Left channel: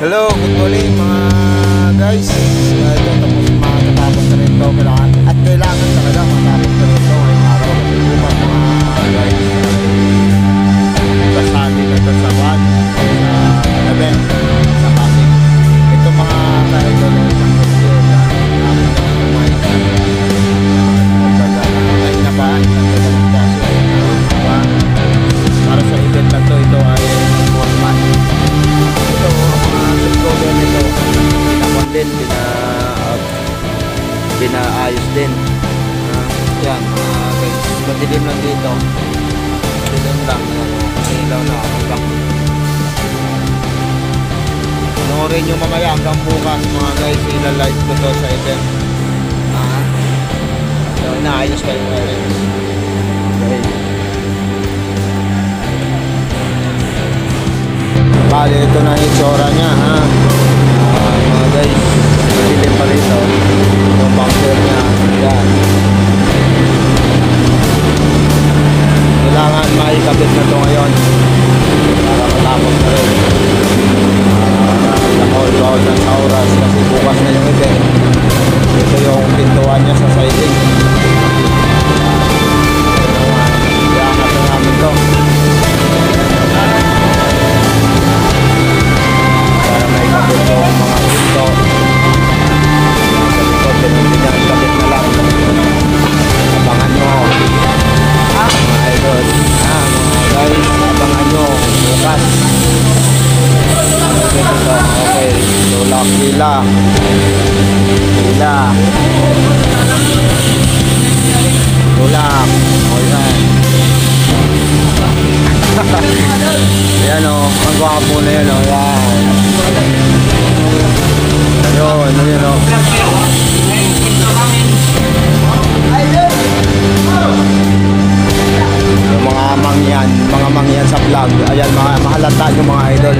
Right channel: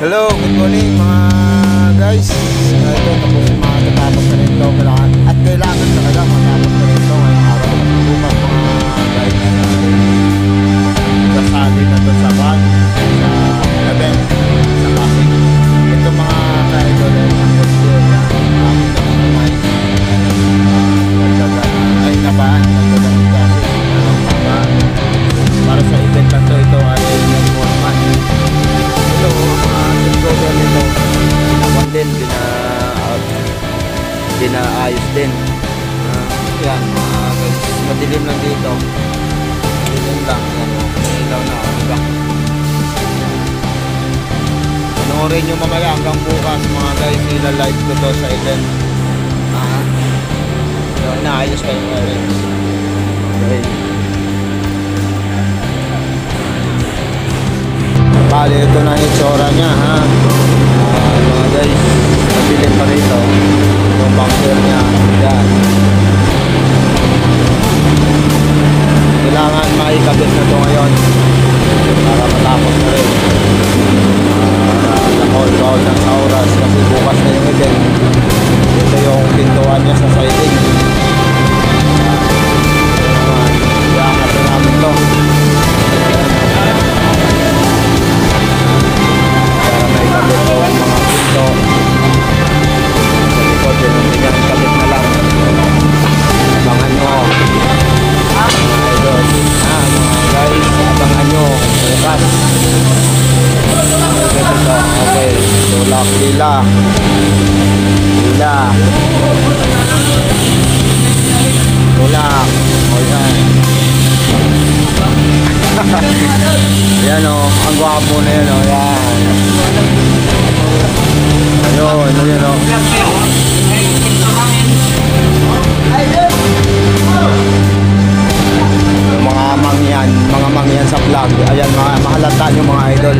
Hello, good morning mga guys. Ito, matatapos na rin ito. Kailangan talaga matapos na rin ito ngayong araw. Kasi bukas mga guys ay kasali na ito sa van, sa event, sa Pasig. Ito mga ka-idol ay isang video na aking nakumay. Ay nabaan, nagdagan ng kasi para sa event na ito, ito ay nag-format. Ito ang mga set cover nito pinakuan din, pinaayos din. Yan mga guys, madilim lang dito, madilim lang. May ilaw na, may backlit. Panoorin nyo mamaya hanggang bukas mga guys, ilalive ko to sa event. Inaayos kayo guys. Okay. Bali, ito na yung itsura nya ha. Mga guys, madilim pa rito yung bumper nya. Yan, kailangan maikabit na ito ngayon para matapos na rin. Nakahol ng sa oras kasi bukas na yung event. Ito yung pintuan nya sa siding. Ito naman, iangat na namin ito para may kabit yung mga pinto sa likod. Yan, kabit na lang. Abangan nyo mga idol, mga guys, abangan nyo bukas. Okay, tulak pila tulak. O yan. Yan o, ang gwapo na yan o. Yan. Ayun, yun o. Yung mga mangyan sa vlog. Ayan, mahalata yung mga idol.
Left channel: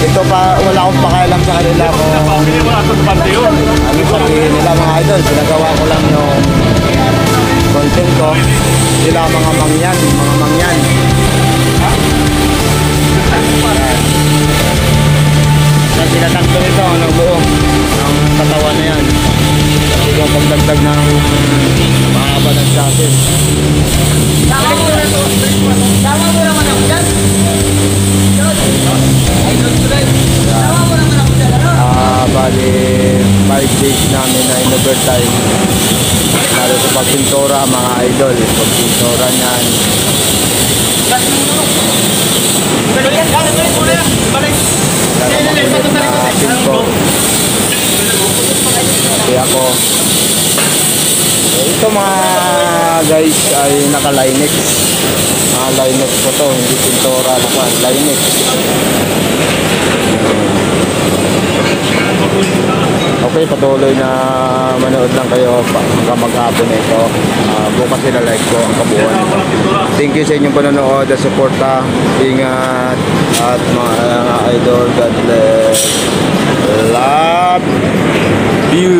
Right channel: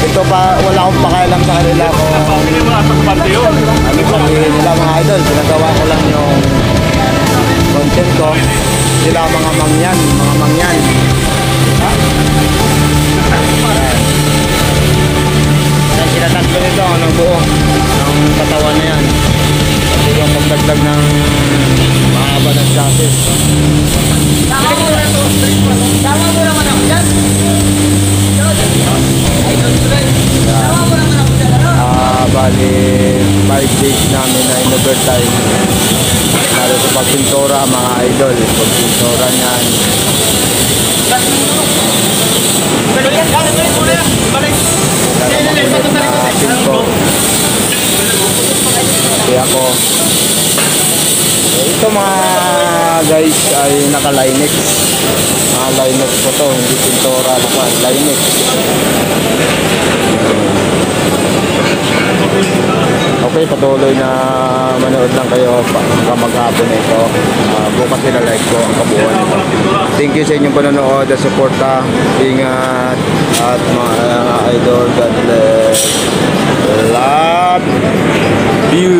Ito pa, wala akong pakialam sa kanila kung ano sabihin nila mga idol. Pinagawa ko lang yung content ko. Sila mga mangyan. Yan, sila tatlo nito ng buo ng katawan na yan. Kasi yung pagdagdag ng mahaba ng chassis. Tama mo naman ako dyan. Bali 5 days namin na in-overtime lalo sa pagpintura mga idol. Pagpintura niyan pinto kasi ako ito mga guys ay naka-Linex. Linex ko to, hindi pintura naman, Linex. Okay, patuloy na manood lang kayo hanggang maghapon na ito. Bukas like ko ang kabuuan nito. Thank you sa inyong panonood at suporta. Ingat at mga idol, God bless. Love you.